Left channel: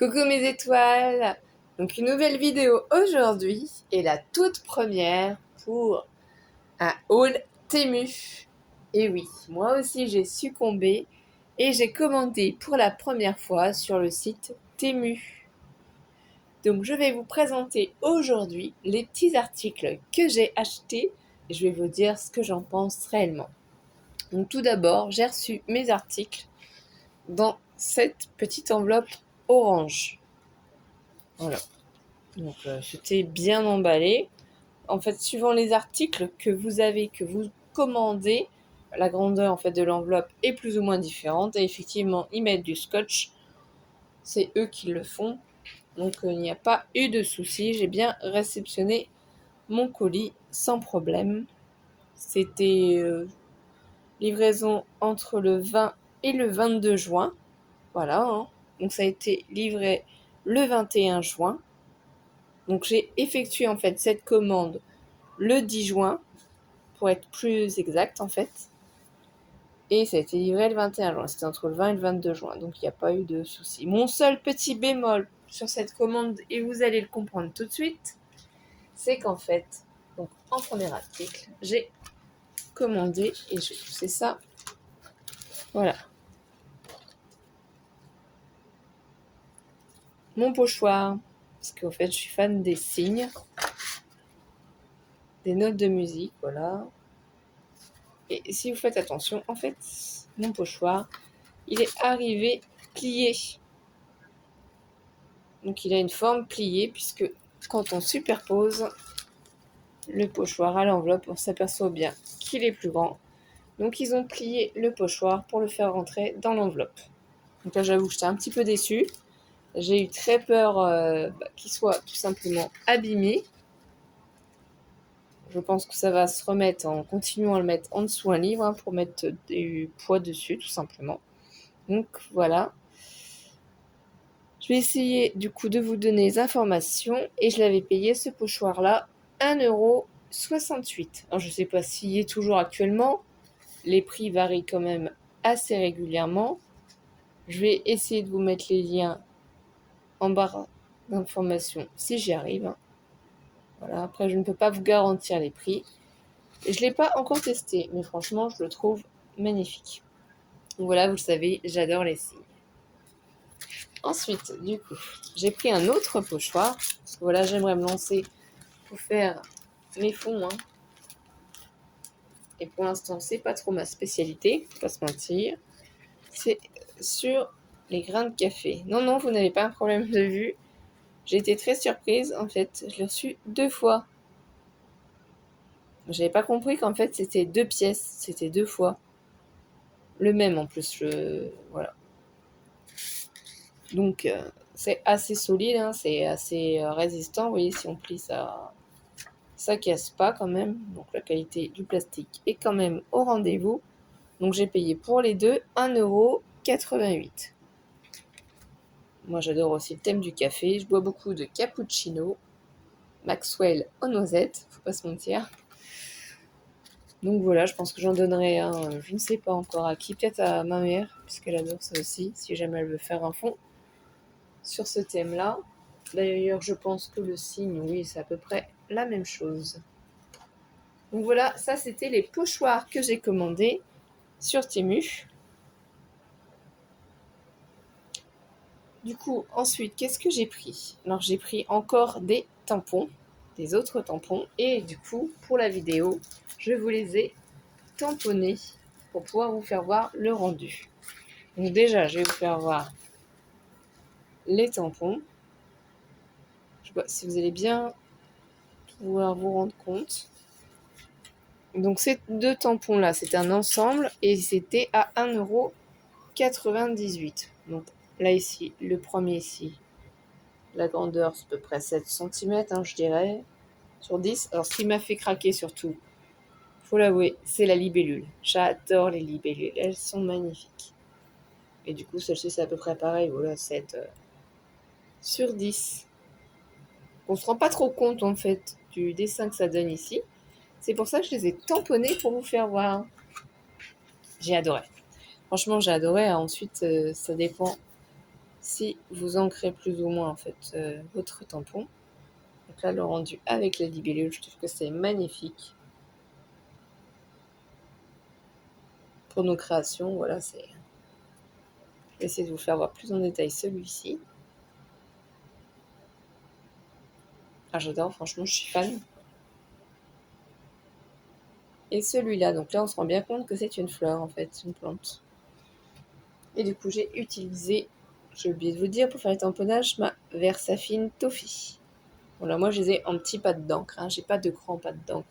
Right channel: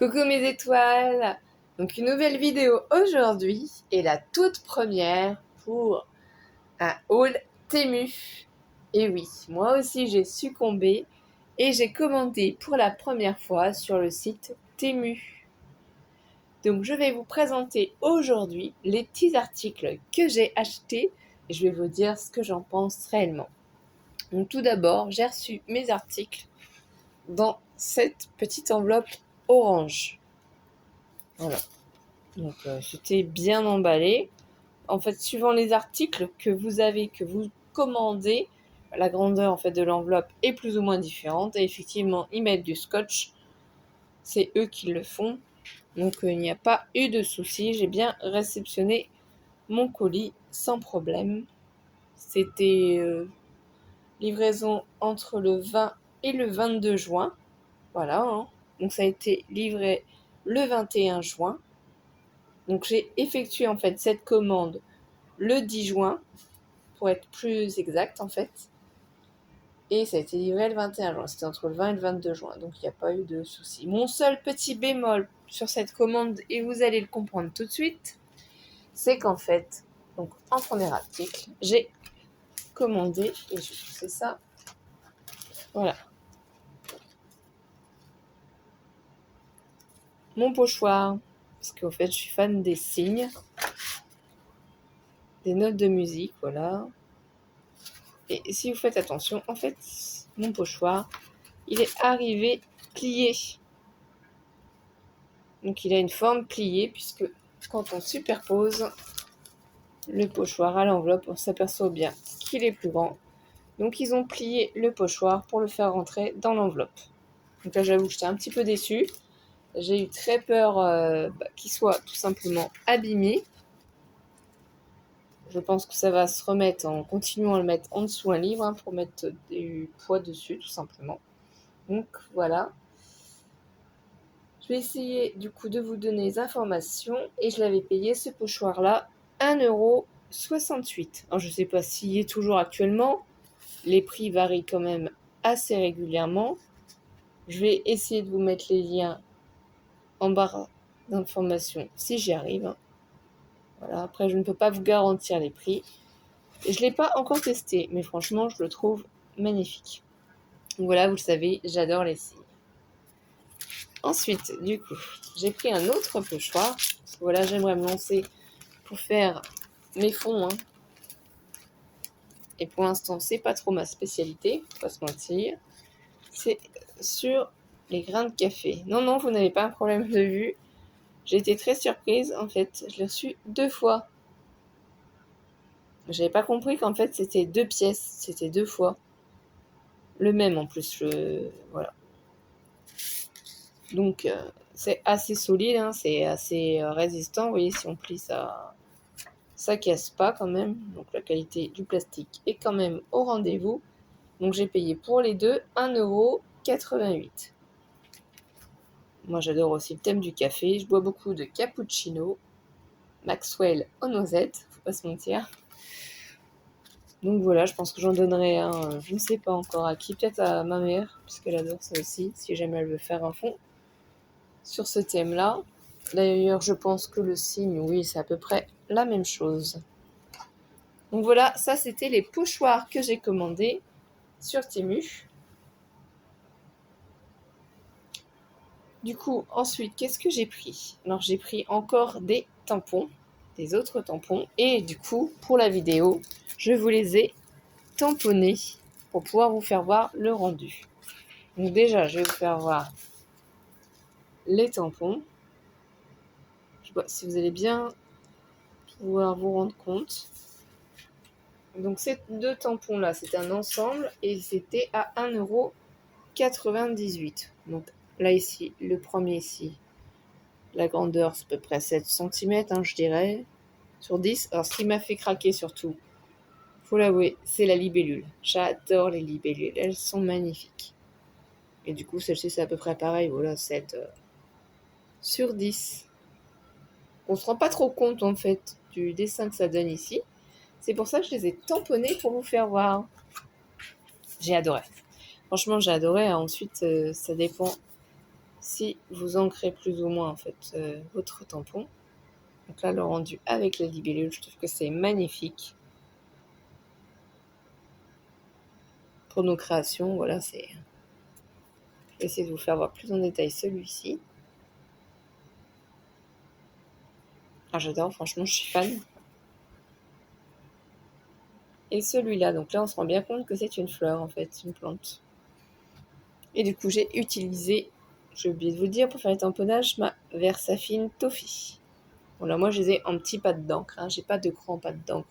Coucou mes étoiles. Donc une nouvelle vidéo aujourd'hui et la toute première pour un haul Temu. Et oui, moi aussi j'ai succombé et j'ai commandé pour la première fois sur le site Temu. Donc je vais vous présenter aujourd'hui les petits articles que j'ai achetés et je vais vous dire ce que j'en pense réellement. Donc tout d'abord, j'ai reçu mes articles dans cette petite enveloppe orange. Voilà. Donc c'était bien emballé. En fait, suivant les articles que vous commandez, la grandeur en fait de l'enveloppe est plus ou moins différente. Et effectivement, ils mettent du scotch. C'est eux qui le font. Donc il n'y a pas eu de souci. J'ai bien réceptionné mon colis sans problème. C'était livraison entre le 20 et le 22 juin. Voilà. Hein. Donc ça a été livré le 21 juin. Donc j'ai effectué en fait cette commande le 10 juin, pour être plus exact en fait. Et ça a été livré le 21 juin, c'était entre le 20 et le 22 juin, donc il n'y a pas eu de souci. Mon seul petit bémol sur cette commande, et vous allez le comprendre tout de suite, c'est qu'en fait, donc en premier article, j'ai commandé, et je vais pousser ça, voilà, mon pochoir, parce qu'au fait je suis fan des signes, des notes de musique, voilà. Et si vous faites attention, en fait, mon pochoir, il est arrivé plié. Donc il a une forme pliée, puisque quand on superpose le pochoir à l'enveloppe, on s'aperçoit bien qu'il est plus grand. Donc ils ont plié le pochoir pour le faire rentrer dans l'enveloppe. Donc là j'avoue que j'étais un petit peu déçue. J'ai eu très peur qu'il soit tout simplement abîmé. Je pense que ça va se remettre en continuant à le mettre en dessous un livre, hein, pour mettre du poids dessus tout simplement. Donc voilà. Je vais essayer du coup de vous donner les informations et je l'avais payé ce pochoir là 1,68 €. Alors je ne sais pas s'il est toujours actuellement, les prix varient quand même assez régulièrement. Je vais essayer de vous mettre les liens en barre d'informations si j'y arrive. Voilà, après je ne peux pas vous garantir les prix. Je ne l'ai pas encore testé, mais franchement je le trouve magnifique. Donc voilà, vous le savez, j'adore les signes. Ensuite, du coup, j'ai pris un autre pochoir. Parce que voilà, j'aimerais me lancer pour faire mes fonds. Hein. Et pour l'instant, c'est pas trop ma spécialité, faut pas se mentir. C'est sur les grains de café. Non, non, vous n'avez pas un problème de vue. J'ai été très surprise, en fait. Je l'ai reçu 2 fois. J'avais pas compris qu'en fait, c'était 2 pièces. C'était 2 fois. Le même, en plus. Voilà. Donc, c'est assez solide, hein, c'est assez résistant. Vous voyez, si on plie ça casse pas quand même. Donc la qualité du plastique est quand même au rendez-vous. Donc j'ai payé pour les deux 1,88 €. Moi j'adore aussi le thème du café. Je bois beaucoup de cappuccino, Maxwell aux noisettes, faut pas se mentir. Donc voilà, je pense que j'en donnerai un, je ne sais pas encore à qui, peut-être à ma mère, puisqu'elle adore ça aussi, si jamais elle veut faire un fond sur ce thème-là. D'ailleurs, je pense que le signe, oui, c'est à peu près la même chose. Donc voilà, ça c'était les pochoirs que j'ai commandés sur Temu. Du coup, ensuite, qu'est-ce que j'ai pris? Alors, j'ai pris encore des tampons, des autres tampons. Et du coup, pour la vidéo, je vous les ai tamponnés pour pouvoir vous faire voir le rendu. Donc déjà, je vais vous faire voir les tampons. Je sais pas si vous allez bien pouvoir vous rendre compte. Donc ces deux tampons-là, c'est un ensemble et c'était à 1,98 €. Donc là ici, le premier ici, la grandeur c'est à peu près 7 cm, hein, je dirais, sur 10. Alors ce qui m'a fait craquer surtout, faut l'avouer, c'est la libellule. J'adore les libellules, elles sont magnifiques. Et du coup celle-ci c'est à peu près pareil, voilà, 7 sur 10. On se rend pas trop compte en fait du dessin que ça donne ici. C'est pour ça que je les ai tamponnés pour vous faire voir. J'ai adoré. Franchement, j'ai adoré. Ensuite, ça dépend si vous ancrez plus ou moins en fait votre tampon. Donc là, le rendu avec la libellule, je trouve que c'est magnifique. Pour nos créations, voilà, c'est... Je vais essayer de vous faire voir plus en détail celui-ci. Ah, j'adore, franchement, je suis fan. Et celui-là, donc là, on se rend bien compte que c'est une fleur, en fait, une plante. Et du coup, j'ai utilisé, j'ai oublié de vous dire, pour faire les tamponnages, ma Versafine Toffee. Voilà, moi, je les ai en petits pattes d'encre, hein. J'ai pas de grands pattes d'encre.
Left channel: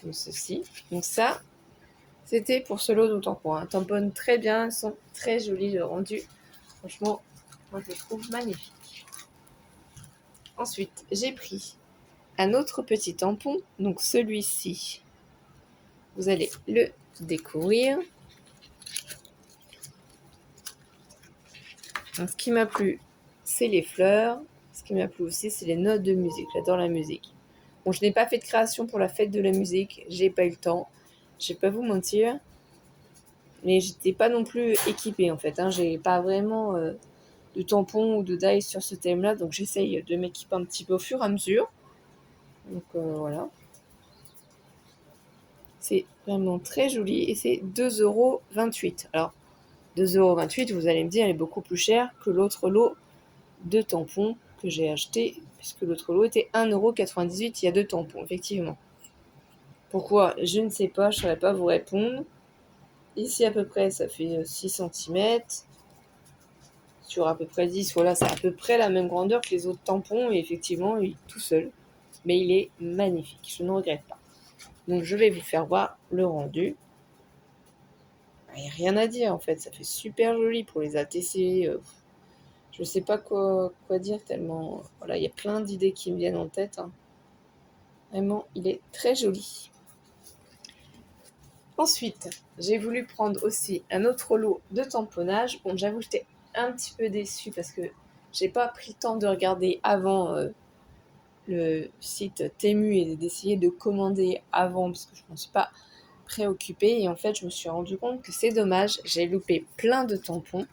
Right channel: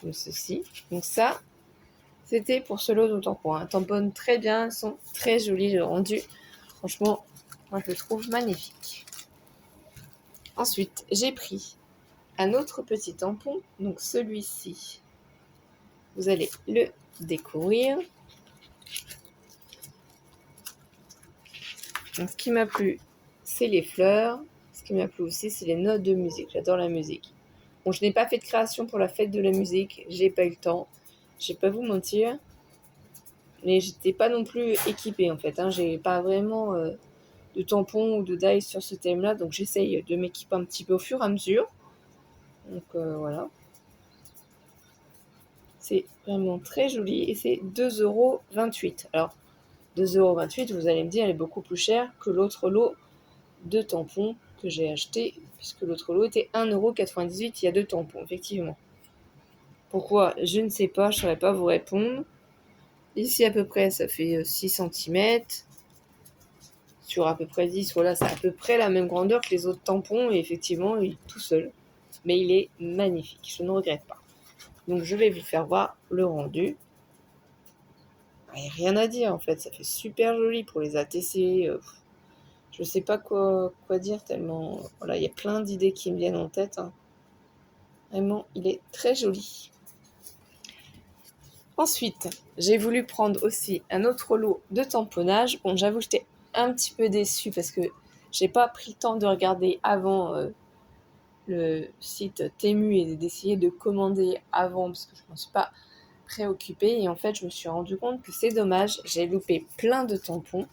Comme ceci. Donc ça, c'était pour ce lot de tampons. Hein. Tamponne très bien, ils sont très jolis, le rendu. Franchement, moi, je le trouve magnifique. Ensuite, j'ai pris un autre petit tampon, donc celui-ci. Vous allez le découvrir. Donc, ce qui m'a plu, c'est les fleurs. Ce qui m'a plu aussi, c'est les notes de musique. J'adore la musique. Bon, je n'ai pas fait de création pour la fête de la musique. J'ai pas eu le temps. Je vais pas vous mentir. Mais j'étais pas non plus équipée en fait. Hein. J'ai pas vraiment de tampons ou de dies sur ce thème-là. Donc j'essaye de m'équiper un petit peu au fur et à mesure. Donc voilà. C'est vraiment très joli et c'est 2,28 €. Alors 2,28 €, vous allez me dire, elle est beaucoup plus chère que l'autre lot de tampons que j'ai acheté, puisque l'autre lot était 1,98 €. Il y a 2 tampons, effectivement. Pourquoi? Je ne sais pas, je ne saurais pas vous répondre. Ici, à peu près, ça fait 6 cm. Sur à peu près 10, voilà, c'est à peu près la même grandeur que les autres tampons. Et effectivement, il est tout seul. Mais il est magnifique, je ne regrette pas. Donc, je vais vous faire voir le rendu. Il n'y a rien à dire, en fait. Ça fait super joli pour les ATC. Je ne sais pas quoi dire tellement... Voilà, il y a plein d'idées qui me viennent en tête. Hein. Vraiment, il est très joli. Ensuite, j'ai voulu prendre aussi un autre lot de tamponnage. Bon, j'avoue, j'étais un petit peu déçue parce que j'ai pas pris le temps de regarder avant le site Temu et d'essayer de commander avant parce que je ne me suis pas préoccupée. Et en fait, je me suis rendu compte que c'est dommage. J'ai loupé plein de tampons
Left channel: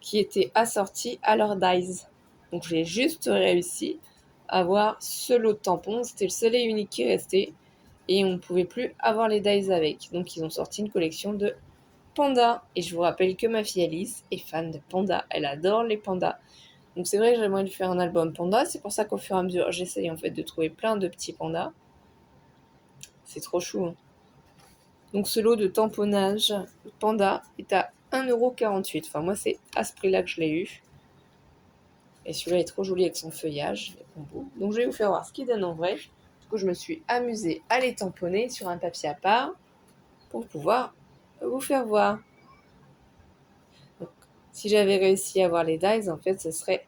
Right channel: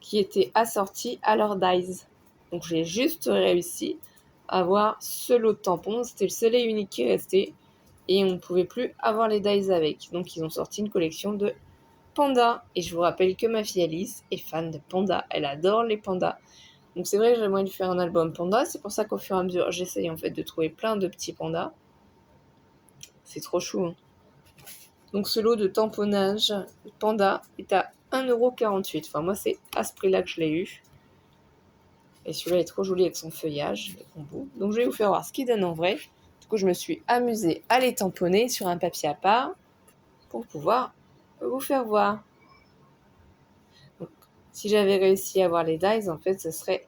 qui étaient assortis à leur dies. Donc, j'ai juste réussi à avoir ce lot de tampons. C'était le seul et unique qui restait. Et on ne pouvait plus avoir les dies avec. Donc ils ont sorti une collection de pandas. Et je vous rappelle que ma fille Alice est fan de pandas. Elle adore les pandas. Donc c'est vrai que j'aimerais lui faire un album panda. C'est pour ça qu'au fur et à mesure, j'essaye en fait de trouver plein de petits pandas. C'est trop chou. Hein. Donc ce lot de tamponnage panda est à 1,48 €. Enfin moi c'est à ce prix-là que je l'ai eu. Et celui-là est trop joli avec son feuillage. Donc je vais vous faire voir ce qu'il donne en vrai. Du coup je me suis amusée à les tamponner sur un papier à part pour pouvoir vous faire voir. Donc, si j'avais réussi à avoir les dies, en fait, ce serait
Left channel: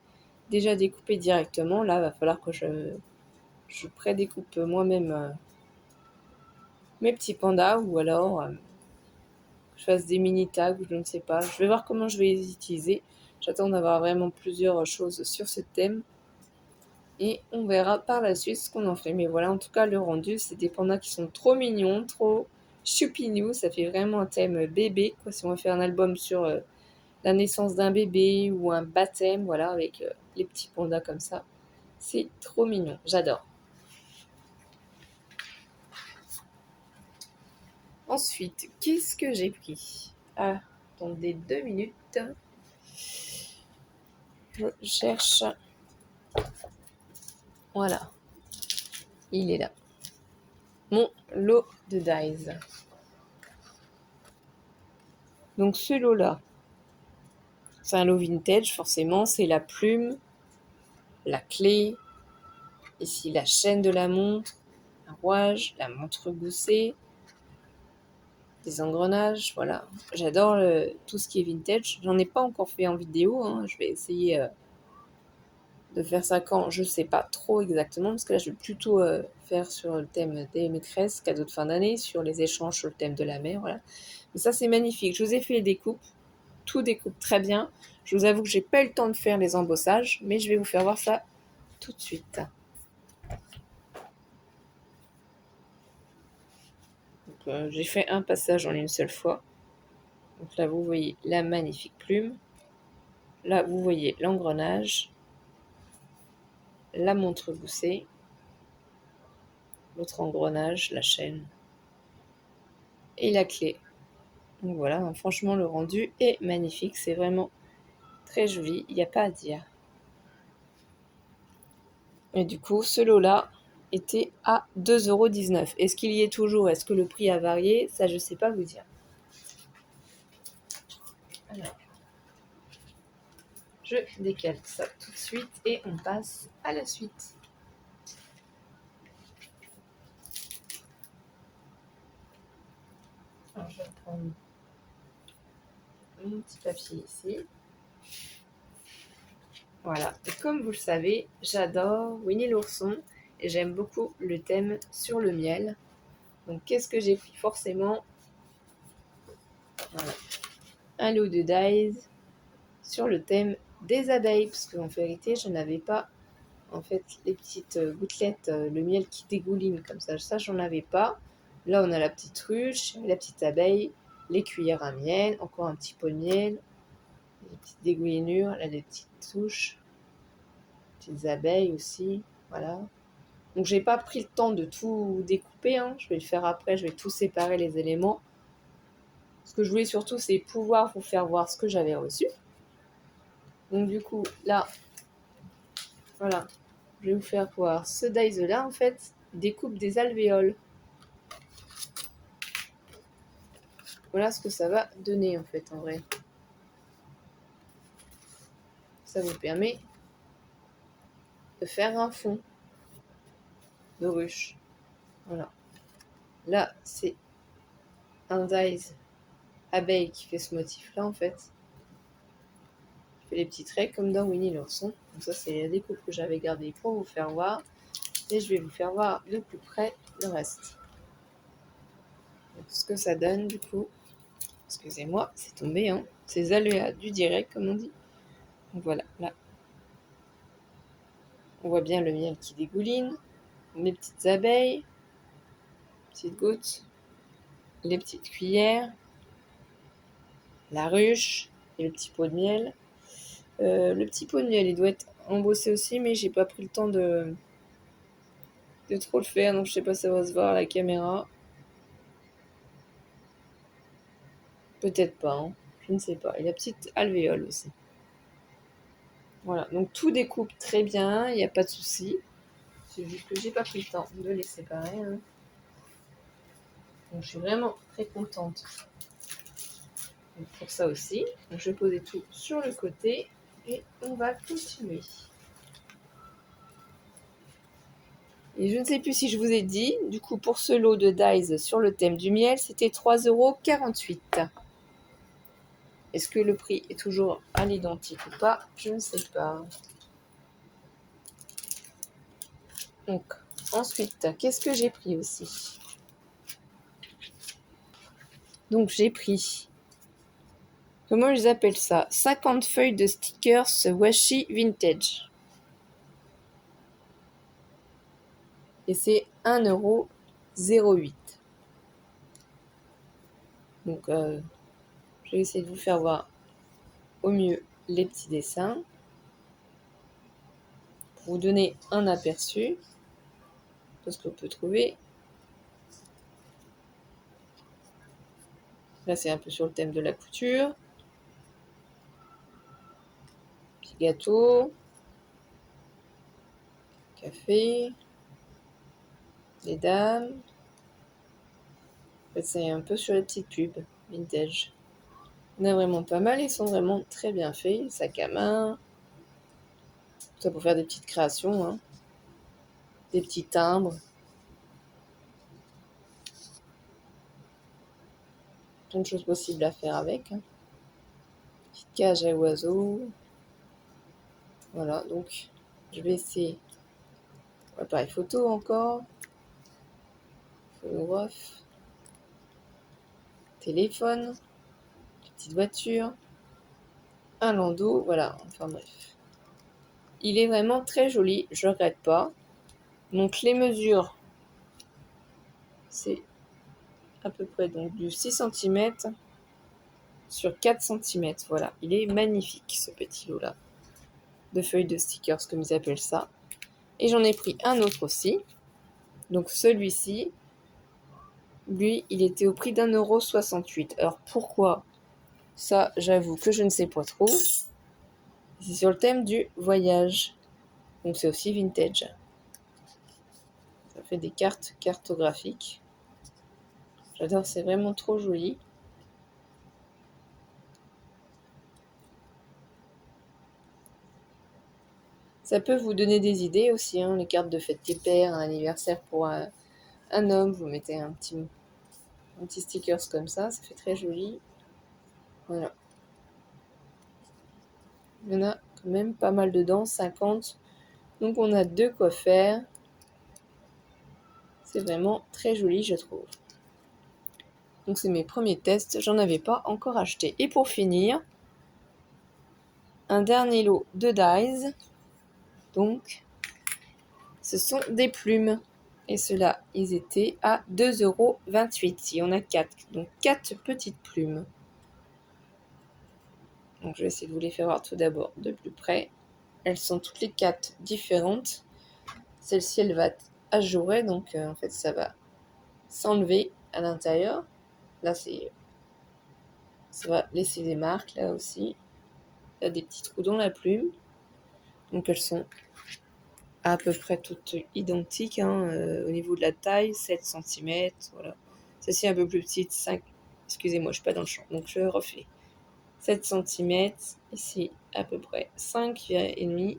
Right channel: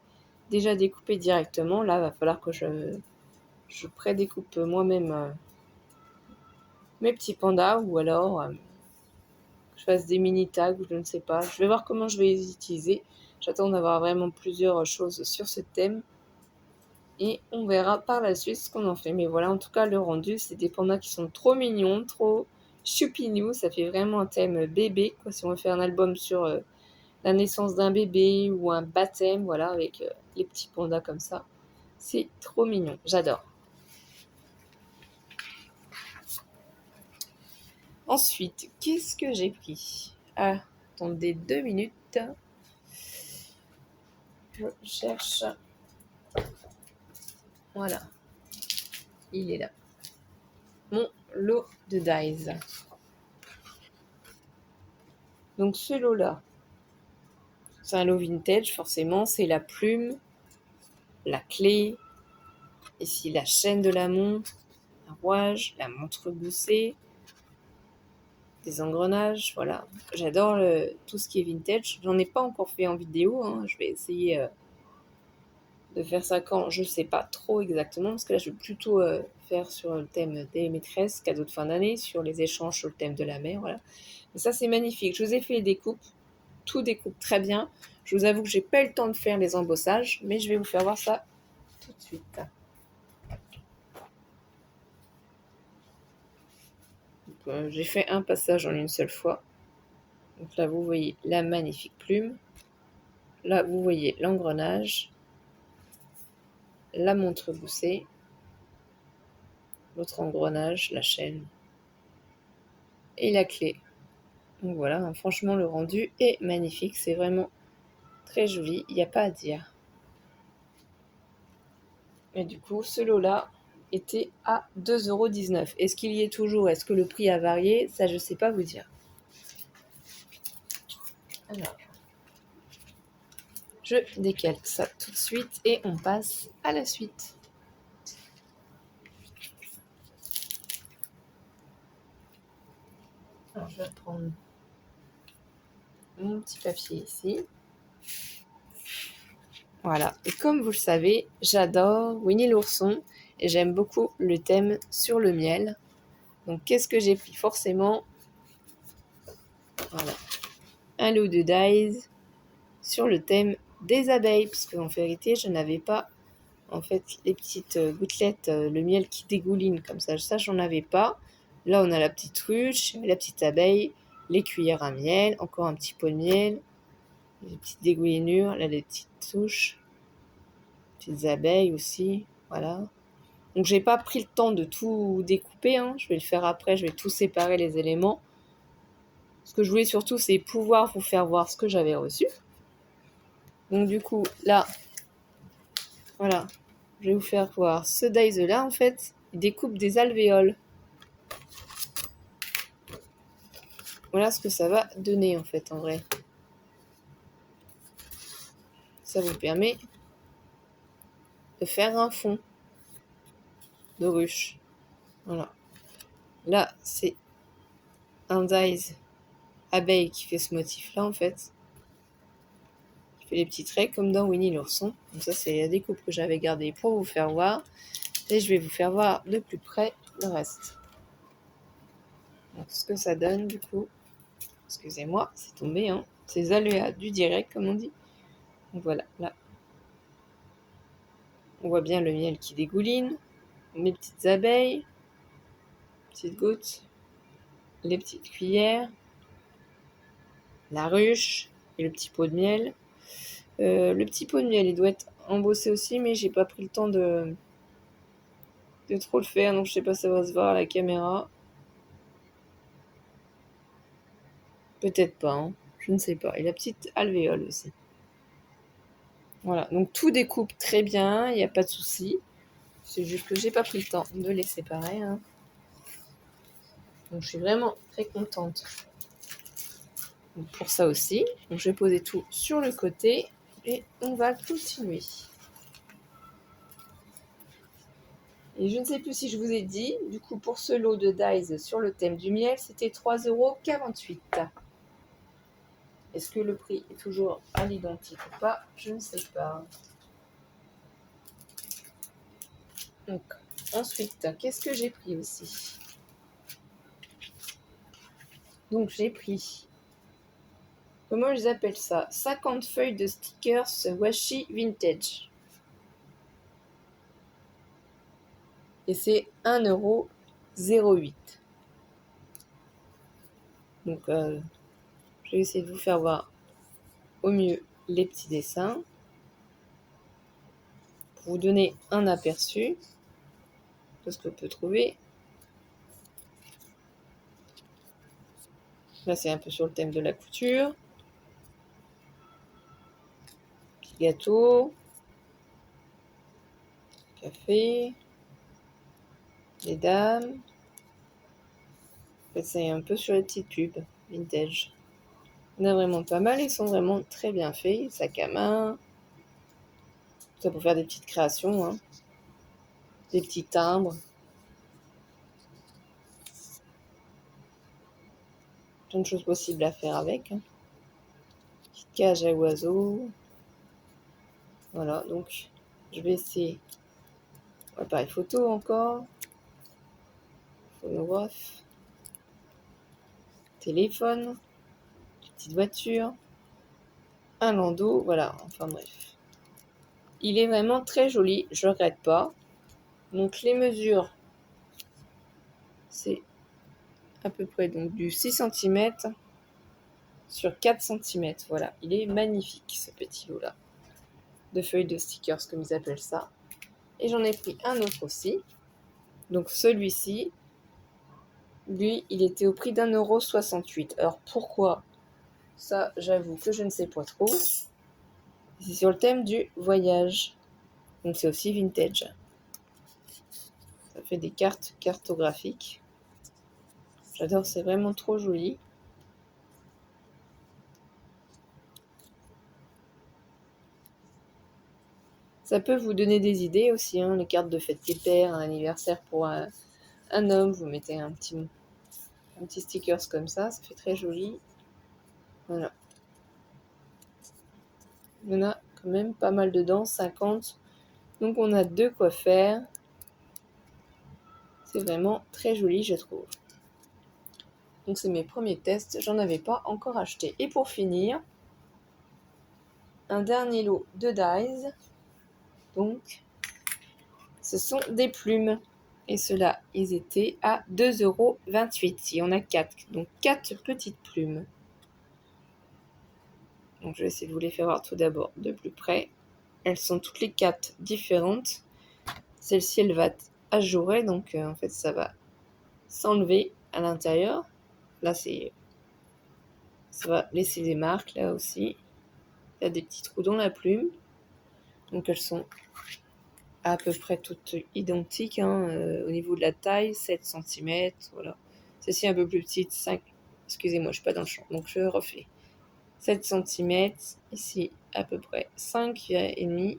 déjà découpé directement. Là, il va falloir que je prédécoupe moi-même mes petits pandas ou alors je fasse des mini tags, je ne sais pas. Je vais voir comment je vais les utiliser. J'attends d'avoir vraiment plusieurs choses sur ce thème. Et on verra par la suite ce qu'on en fait. Mais voilà, en tout cas, le rendu, c'est des pandas qui sont trop mignons, trop choupinous. Ça fait vraiment un thème bébé. Quoi. Si on veut faire un album sur la naissance d'un bébé ou un baptême, voilà, avec les petits pandas comme ça. C'est trop mignon. J'adore. Ensuite, qu'est-ce que j'ai pris? Ah, attendez 2 minutes. Je cherche. Voilà. Il est là. Mon lot de dies. Donc ce lot-là, c'est un lot vintage, forcément. C'est la plume, la clé, ici la chaîne de la montre, un rouage, la montre goussée, des engrenages, voilà. J'adore tout ce qui est vintage. J'en ai pas encore fait en vidéo. Hein. Je vais essayer de faire ça quand je sais pas trop exactement, parce que là je vais plutôt faire sur le thème des maîtresses, cadeaux de fin d'année, sur les échanges sur le thème de la mère, voilà. Mais ça c'est magnifique. Je vous ai fait les découpes, tout découpe très bien. Je vous avoue que j'ai pas eu le temps de faire les embossages, mais je vais vous faire voir ça tout de suite. J'ai fait un passage en une seule fois. Donc là vous voyez la magnifique plume. là, vous voyez l'engrenage, la montre goussée, l'autre engrenage, la chaîne et la clé. Donc voilà, hein, franchement, le rendu est magnifique. C'est vraiment très joli, il n'y a pas à dire. Et du coup, ce lot-là était à 2,19 €. Est-ce qu'il y est toujours? Est-ce que le prix a varié? Ça, je ne sais pas vous dire. Alors, je décale ça tout de suite et on passe à la suite. Alors, je vais prendre mon petit papier ici. Voilà, et comme vous le savez, j'adore Winnie l'ourson et j'aime beaucoup le thème sur le miel. Donc qu'est-ce que j'ai pris? Forcément, voilà, un lot de dies sur le thème des abeilles, parce qu'en vérité, je n'avais pas en fait les petites gouttelettes, le miel qui dégouline comme ça j'en avais pas. Là, on a la petite ruche, la petite abeille, les cuillères à miel, encore un petit pot de miel, les petites dégoulinures, là les petites souches, petites abeilles aussi, voilà. Donc j'ai pas pris le temps de tout découper, hein. Je vais le faire après, je vais tout séparer les éléments. Ce que je voulais surtout, c'est pouvoir vous faire voir ce que j'avais reçu. Donc du coup, là, voilà, je vais vous faire voir ce dies là, en fait, il découpe des alvéoles. Voilà ce que ça va donner, en fait, en vrai. Ça vous permet de faire un fond de ruche. Voilà. Là, c'est un dies abeille qui fait ce motif-là, en fait. Qui fait les petits traits comme dans Winnie l'ourson. Donc ça, c'est la découpe que j'avais gardée pour vous faire voir. Et je vais vous faire voir de plus près le reste. Donc, ce que ça donne, du coup. Excusez-moi, c'est tombé, hein. C'est les aléas du direct, comme on dit. Donc voilà, là. On voit bien le miel qui dégouline. Mes petites abeilles. Petites gouttes. Les petites cuillères. La ruche. Et le petit pot de miel. Le petit pot de miel, il doit être embossé aussi, mais j'ai pas pris le temps de trop le faire, donc je sais pas si ça va se voir à la caméra. Peut-être pas, hein. Je ne sais pas. Et la petite alvéole aussi. Voilà, donc tout découpe très bien, il n'y a pas de souci. C'est juste que j'ai pas pris le temps de les séparer, hein. Donc je suis vraiment très contente pour ça aussi. Donc je vais poser tout sur le côté et on va continuer. Et je ne sais plus si je vous ai dit, du coup pour ce lot de dies sur le thème du miel, c'était 3,48 €. Est-ce que le prix est toujours à l'identique ou pas? Je ne sais pas. Donc, ensuite, qu'est-ce que j'ai pris aussi? Donc, j'ai pris, comment ils appellent ça? 50 feuilles de stickers washi vintage. Et c'est 1,08 €. Donc, je vais essayer de vous faire voir au mieux les petits dessins. Pour vous donner un aperçu de ce que peut trouver. Là, c'est un peu sur le thème de la couture. Petit gâteau. Café. Les dames. Là, c'est un peu sur les petites pubs vintage. Il y en a vraiment pas mal. Ils sont vraiment très bien faits. Sac à main. Ça pour faire des petites créations. Hein. Des petits timbres. Plein de choses possibles à faire avec. Hein. Petite cage à oiseaux. Voilà, donc je vais essayer. Appareil photo encore. Phonographe. Téléphone. Petite voiture. Un landau. Voilà, enfin bref. Il est vraiment très joli, je ne regrette pas. Donc les mesures, c'est à peu près donc, du 6 cm sur 4 cm. Voilà, il est magnifique ce petit lot-là. De feuilles de stickers, comme ils appellent ça. Et j'en ai pris un autre aussi. Donc celui-ci, lui, il était au prix d'1,68 €. Alors pourquoi? Ça, j'avoue que je ne sais pas trop. C'est sur le thème du voyage. Donc c'est aussi vintage. Ça fait des cartes cartographiques. J'adore, c'est vraiment trop joli. Ça peut vous donner des idées aussi, hein, les cartes de fête père, un anniversaire pour un homme, vous mettez un petit stickers comme ça fait très joli. Voilà. Il y en a quand même pas mal dedans, 50. Donc on a de quoi faire. C'est vraiment très joli, je trouve. Donc c'est mes premiers tests, j'en avais pas encore acheté. Et pour finir, un dernier lot de dies. Donc ce sont des plumes. Et ceux-là, ils étaient à 2,28 €. Il y en a 4. Donc 4 petites plumes. Donc je vais essayer de vous les faire voir tout d'abord de plus près. Elles sont toutes les 4 différentes. Celle-ci, elle va ajourée, donc en fait ça va s'enlever à l'intérieur. Là, ça va laisser des marques, là aussi. Il y a des petits trous dans la plume. Donc elles sont à peu près toutes identiques, hein, au niveau de la taille, 7 cm. Voilà. Celle-ci est un peu plus petite, 5. Excusez-moi, je ne suis pas dans le champ, donc je refais. 7 cm. Ici, à peu près 5,5.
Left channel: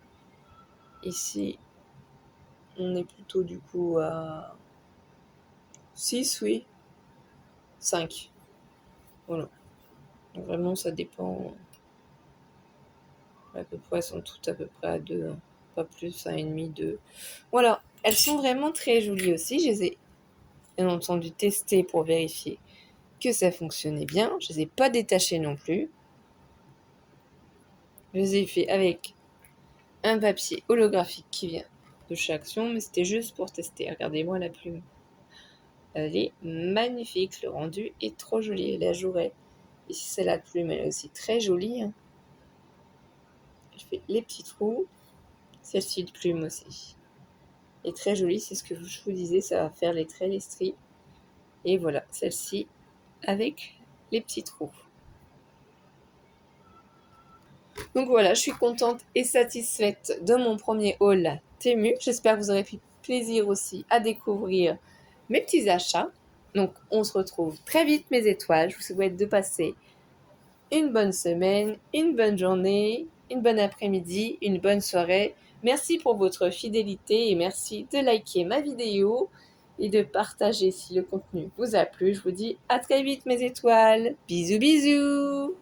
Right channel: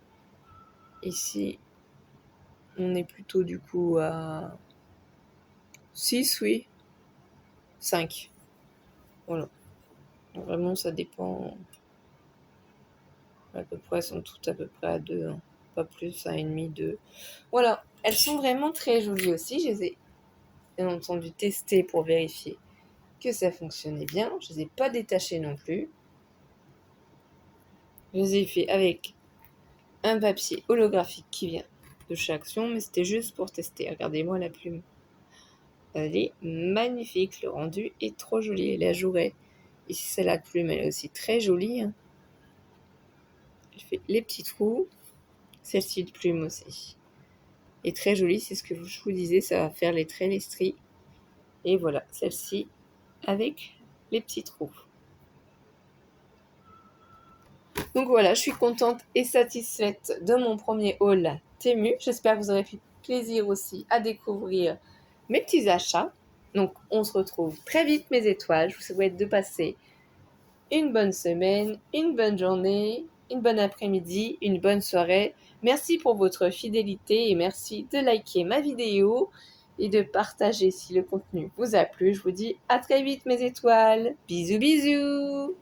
Ici, on est plutôt du coup à 6, oui. 5. Voilà. Donc, vraiment, ça dépend. À peu près, elles sont toutes à peu près à 2. Hein. Pas plus, 1,5, 2. Voilà. Elles sont vraiment très jolies aussi. Je les ai bien entendu tester pour vérifier que ça fonctionnait bien. Je ne les ai pas détachées non plus. Je les ai fait avec un papier holographique qui vient de chez Action, mais c'était juste pour tester. Regardez-moi la plume. Elle est magnifique. Le rendu est trop joli. Elle est ajourée. Ici, celle-là, la plume, elle est aussi très jolie. Hein. Elle fait les petits trous. Celle-ci de plume aussi. Et très jolie, c'est ce que je vous disais, ça va faire les traits, les stries. Et voilà, celle-ci avec les petits trous. Donc voilà, je suis contente et satisfaite de mon premier haul Temu. J'espère que vous aurez pris plaisir aussi à découvrir mes petits achats. Donc on se retrouve très vite mes étoiles. Je vous souhaite de passer une bonne semaine, une bonne journée, une bonne après-midi, une bonne soirée. Merci pour votre fidélité et merci de liker ma vidéo et de partager si le contenu vous a plu. Je vous dis à très vite mes étoiles. Bisous bisous.